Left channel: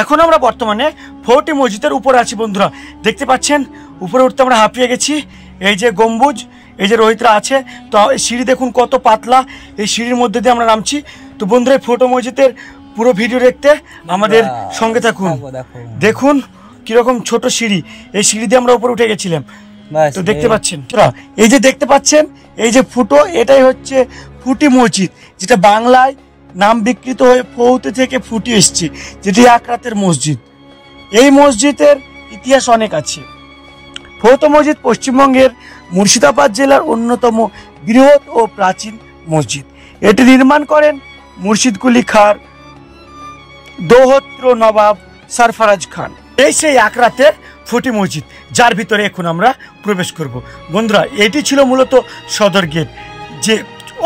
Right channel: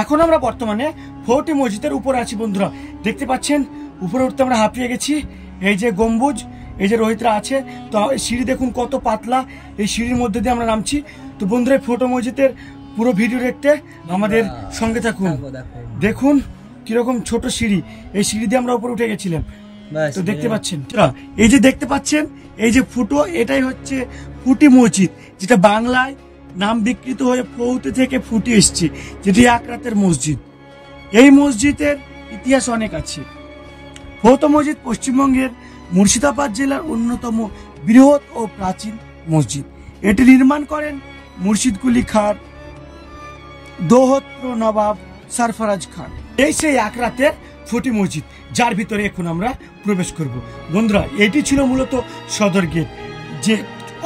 এখন আমরা বর্তমানে ফোর্টি মসজিদের উপরে আছি বন্ধুরা, দেখতে পাচ্ছেন উপরে উঠতে আমরা হাঁপিয়ে গেছি। এই যে গম্বুজ, এই যে রোহিতরা আছে, তো সিঁড়ি দেখুন কত পাতলা, এই সিঁড়ির মধ্যে দিয়ে আমরা নামছি। তো বন্ধুরা এই ফোর্টি মসজিদের পুরো ভিডিও দেখতে আমাদের সঙ্গে থাকুন। দেখুন কিরকম ছোট সিঁড়ি, এই সিঁড়ি দিয়ে আমরা উপরে উঠে গেছিলাম। তো দেখতে পাচ্ছেন এই যে দেখতে পাচ্ছেন এই যে ফুটো, এটাই হচ্ছে ফুটি মসজিদ, যেটা বাংলায় নাম বিকৃত হয়ে ফৌতে থেকে ফুটি এসছে, যেটি এক রাতের মসজিদ। এই মসজিদের ইতিহাস অনেক আছে। ফৌত মসজিদ পশ্চিমবঙ্গের মুর্শিদাবাদ জেলার অন্যতম বৃহৎ ও প্রাচীন মসজিদ। এটি নির্মাণ করেন মুর্শিদ কুলি খাঁর দৌহত্র নবাব সরফরাজ খান। এই সেই এক রাতের ফুটি মসজিদ, যার ভিতরে এখন আমরা প্রবেশ করব। বন্ধুরা এটি ছিল মূলত সদর গেট, যে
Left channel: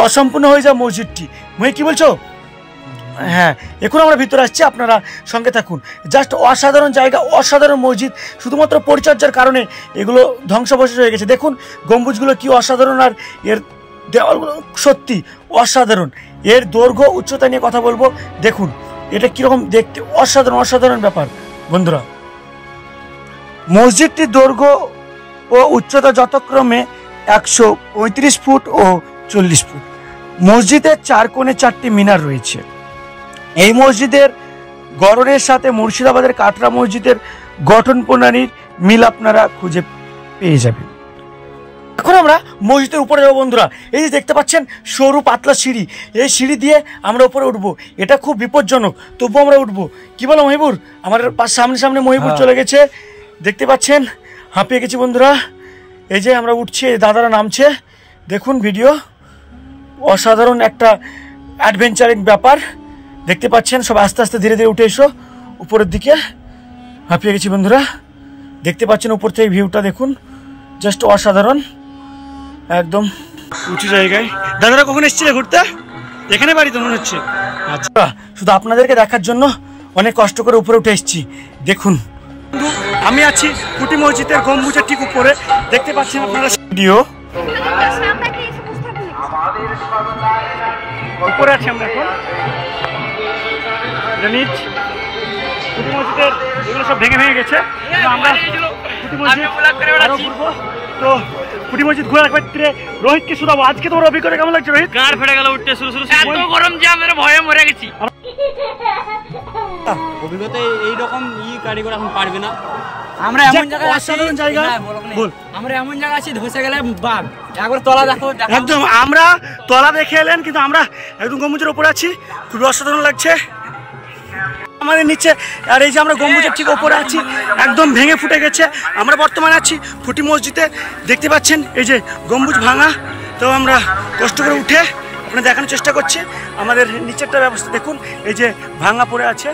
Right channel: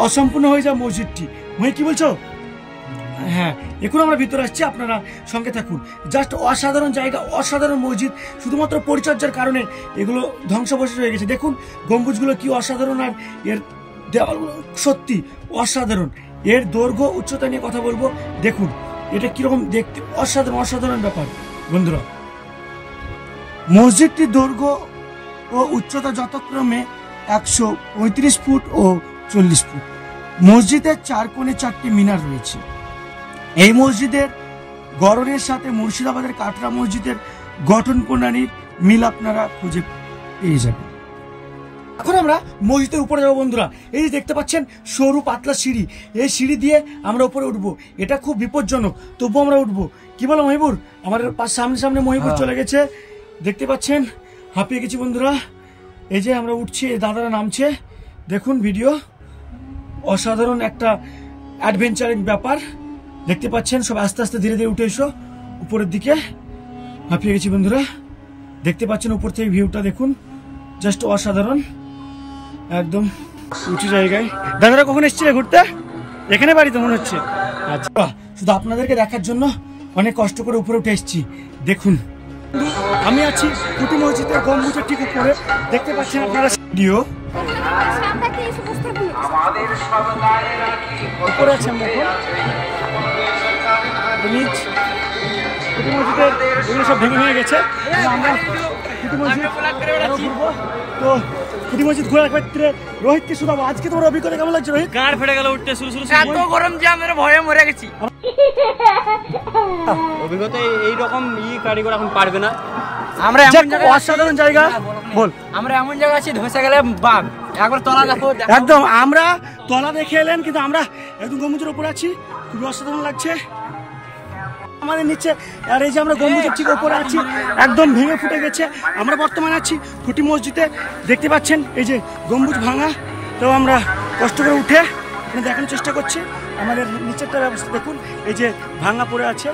অসম্পূর্ণ হয়ে যায় মসজিদটি। কি বলছো? হ্যাঁ, এখন আমরা ভিতরে আসছি, আপনারা সঙ্গে থাকুন। জাস্ট অসাধারণ জায়গা, অসাধারণ মসজিদ। শুধুমাত্র পরিচর্যার কারণে এগুলো ধ্বংসাবশেষ হয়ে গেছে। দেখুন গম্বুজগুলো কি অসাধারণ, আর এর দেওয়ালগুলো সত্যি অসাধারণ। এর দৈর্ঘ্য উচ্চতা নিয়ে কথা বলবো, দেখুন এটা কিরকম দেখতে, অসাধারণ অসাধারণ ব্যাপার। বন্ধুরা মসজিদটির দৈর্ঘ্য ও উচ্চতা যথাক্রমে 135 ফুট ও 40 ফুট। মসজিদের চার কোণে 4টি মিনার রয়েছে। এই মসজিদের গড়নের সাথে মুর্শিদাবাদের কাটরা মসজিদের গঠন প্রণালীর মিল আপনারা খুঁজে পেয়ে যাবেন। এখন আমরা মসজিদের উপরে যাবো বন্ধুরা। এই যে দেখতে পাচ্ছেন সরু পাতলা সিঁড়ি, এই সিঁড়ি দিয়ে আমরা উপরে উঠবো। এটা খুব বিপজ্জনক, তবুও আমরা উঠবো। কি বলো মহিবুর? আমার সামনে সামনে মহিবুর চলে গেছে, দেখতে পাচ্ছেন হাঁপিয়ে গেছি বন্ধুরা। এই যে আমরা উঠছি, দাদারা নামছে, দেখুন ভিডিও। অসাধারণ একটা অ্যাডভেঞ্চারিং ব্যাপার, দেখতে পাচ্ছেন। সব আস্তে আস্তে ধীরে ধীরে উঠে এসো উপরের দিকে। হাঁপিয়ে গেছি বন্ধুরা, দেখতে পাচ্ছেন উপর থেকে ভিউটা দেখুন, জাস্ট অসাধারণ, একদম উঁচু জায়গায়। দাদারা কখন এসেছিলে ঘুরতে? এখানে বাড়ি তো মনে হচ্ছে। আচ্ছা, শুধু আপনাদেরকে দেখার জন্য অনেক কষ্ট করে উপরে উঠে এসেছি। দেখুন আমি আছি ফুটি মসজিদের গম্বুজের ঠিক উপরে, দেখতে পাচ্ছেন আপনারা ভিডিও। উপরে আছি আমরা এখন, নিচ ফুটি মসজিদের এগুলো সব ভেঙে ভেঙে গেছে। আমরা ফুটি মসজিদ তো ফুটি মসজিদ ঘোরার ক্ষেত্রে রোহিতকে শুধাবো। আজকে তোমার অভিজ্ঞতা কেমন লাগছে রোহিত? কার ফেটে গেল উঠতে শুরু শুরু, এত গরম যে আমরা ভয়ে মরে গেছি। অভিজ্ঞতা এইরকম গাড়ি করে এখন পারবে না। আমরা অসাধারণ জায়গা, বল আমরা এমন জায়গা আছি ধসে গেলে বাঘ। একবার তলা দেখো, একদম আমরা তলা দেখে এলেন, কিন্তু আমরা একদম গম্বুজের উপরে আছি, খুবই অসাধারণ লাগছে আমাদের নিচে। আর এই যে আমরা গম্বুজের ঠিক উপরে আছি, একদম ভেঙে ফুটে গেছে। আমরা বর্তমানে আছি ফুটি মসজিদে, দেখতে পাচ্ছেন এই যে গম্বুজ ভাঙা। তো আমরা কষ্ট করে উঠে আপনাদের দেখানোর চেষ্টা করছি আমাদের নিচেরটা ব্যবস্থা। দেখুন এই যে ভাঙা পড়ে আছে,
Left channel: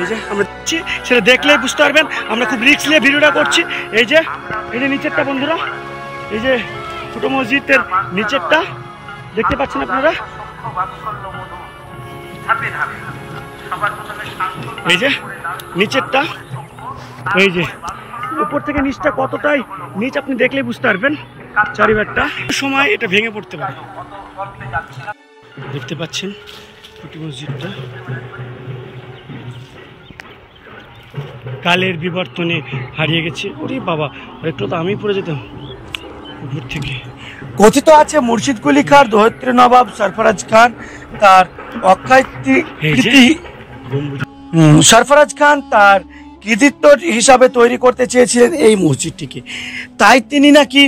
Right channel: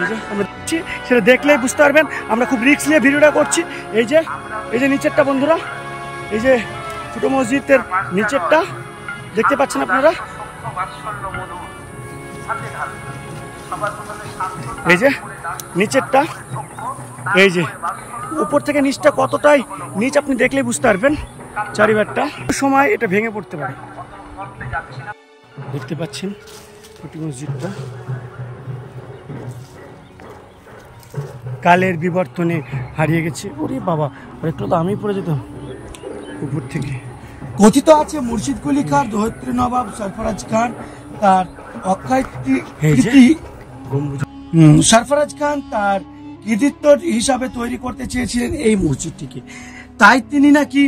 এই যে আমরা দেখছি, সেটা দেখলেই বুঝতে পারবেন আমরা খুব রিস্ক নিয়ে ভিডিওটা করছি। এই যে নিচেরটা বন্ধুরা, এই যে ফুটো মসজিদের নিচেরটা দেখতে পাচ্ছেন আপনারা। এই যে নিচেরটা, এই যে উপর থেকে নিচটা কতটাই নিচ আপনি দেখলেই বুঝতে পারবেন চারিবারটা। সময় এটা ভেঙে পড়তে পারে। দেখতে পাচ্ছেন ফুটি মসজিদটা কালের বিবর্তনে হারিয়ে গেছে। ওরে বাবা, একটু তো আমি পড়ে যেতাম উপর থেকে। কথিত আছে মুর্শিদ কুলি খাঁর দৌহত্র নবাব সরফরাজ খান তার অক্ষয় সরফরাজ খান তার কৃতিত্ব হিসাবে তৈরি করতে চেয়েছিলেন এই মসজিদটিকে। তাই তিনি নাকি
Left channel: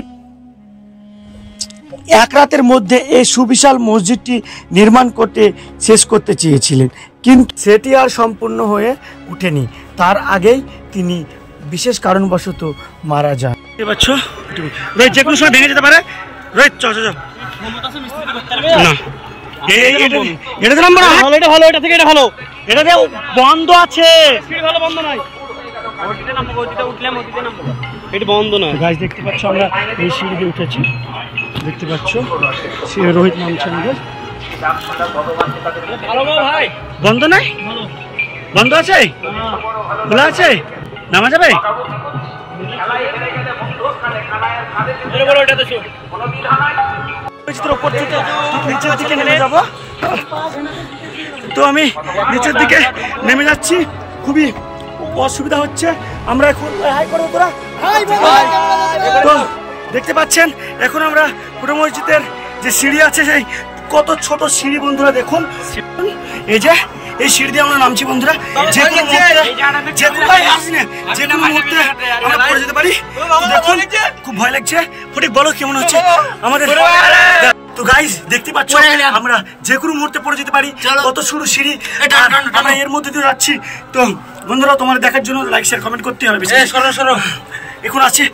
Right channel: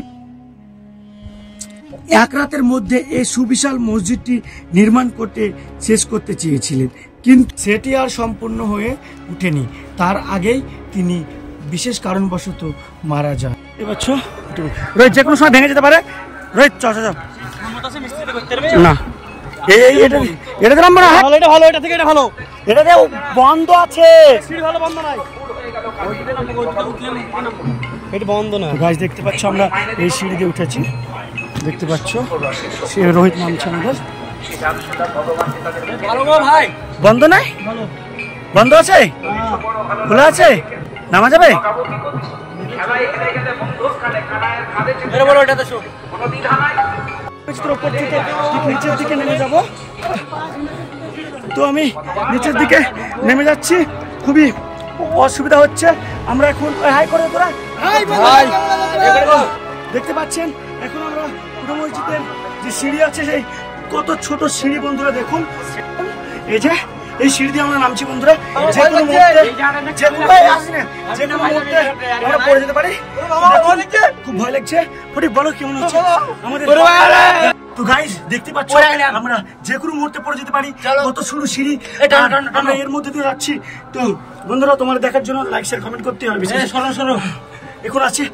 এক রাতের মধ্যে এই সুবিশাল মসজিদটি নির্মাণ করতে শেষ করতে চেয়েছিলেন, কিন্তু সেটি আর সম্পূর্ণ হয়ে ওঠেনি। তার আগেই তিনি বিশেষ কারণবশত মারা যান। রোহিত যে কোনো সময় ভেঙে যেতে পারে। রোহিত চ না, এটা দিলাম না, এটা ভালো, এটা থেকে এটা ভালো, এটা বন্ধ আছে, এটা বন্ধ নয়। গাছ দেখতে পাচ্ছ, আমরা এই সিঁড়ি দিয়ে উঠেছি, দেখতে পাচ্ছ সে রোহিত নামছে আমাদের। বন্ধ নাই, বন্ধ আছে, খোলা আছে, নামা যাবে। উপর থেকে নিচের দিকে নেমে যাব। তো আমি নিচের দিকে নেমে যাচ্ছি, খুবই অসুবিধা হচ্ছে। আমরা এখন হাই করে তোরা তো দেখতে পাচ্ছেন এখন আমরা ফুটো মসজিদের যে সিঁড়ি আছে সেই কত ছোট সিঁড়ি বন্ধুরা দেখুন। এই যে এই সিঁড়ি দিয়ে আমরা নামছি বন্ধুরা, যে কোনো মুহূর্তে আমরা পড়ে যেতে পারি। দেখুন খুব ভয় লাগছে। ফটিক বলো কেমন হচ্ছে আমাদের? তো গাইস দেখতে পাচ্ছ আমরা যে কোনো মুহূর্তে পড়ে যেতে পারি, কত সরু সিঁড়ি, আমরা এর মধ্যে দিয়ে যাচ্ছি। তো বন্ধুরা তোমার দেখার জন্য লাইক শেয়ার কমেন্ট করতে হবে। এখন আছে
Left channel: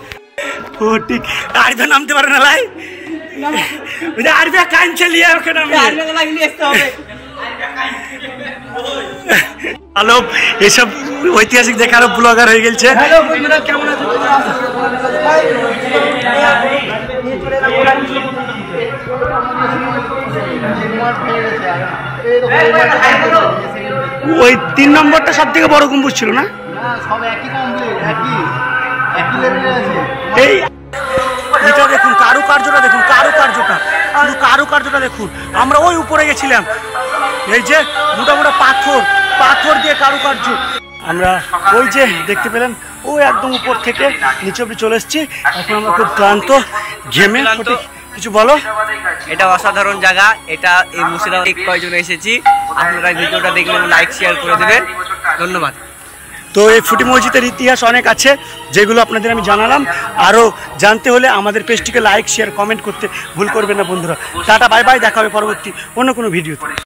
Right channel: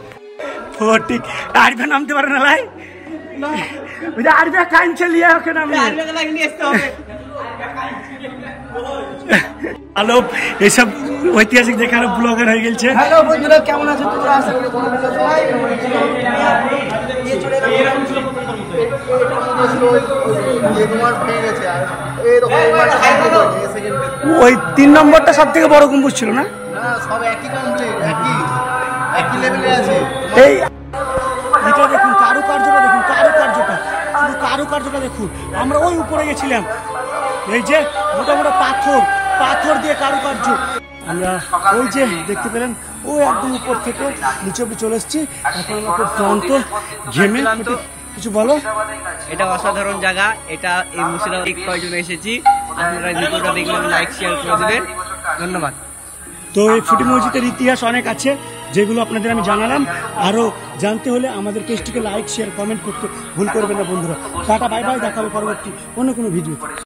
ফটিক আরিফা নামতে পারে না লাই, আরিফা কাঞ্চে লিয়ে ওকে নামে হ্যালো, এসব ঐতিহাসিক দেখে আরো ব্লগার হয়ে গেছে। হ্যালো বন্ধুরা কেমন আছো? ওই 3 নম্বরটা সব থেকে বড় গম্বুজ ছিল না? সব একই কমপ্লিট, একই লেভেলে আছে। এই এটা দেখুন কারুকার্যটা, দেখুন কারুকার্যটা, শুধু কারুকার্যটা দেখুন। আমরা ওই উপরে গেছিলাম, এই যে মোটা মোটা পাথর দিয়ে কারুকার্য। আমরা ওই যে দেখতে পেলেন ওই একদম উপর থেকে নিচে অব্দি চলে এসেছি। এখন আমরা খুব ক্লান্ত, ঘেমে। কিছু বলো। এটা অসাধারণ জায়গা, এটা এই মুর্শিদাবাদ কয়েকজন এসেছি। আপনারা ভিডিওটা দেখলে লাইক শেয়ার করে দেবেন, ধন্যবাদ। তো এই ফুটি মসজিদের ইতিহাস অনেক আছে যেগুলো আপনাদের আমি জানালাম। আরও জানতে হলে আমাদের পেজটিকে লাইক শেয়ার কমেন্ট করতে ভুল করবেন না বন্ধুরা। টাটা বাই বাই, দেখা হবে পরবর্তী অন্য কোনো ভিডিওতে।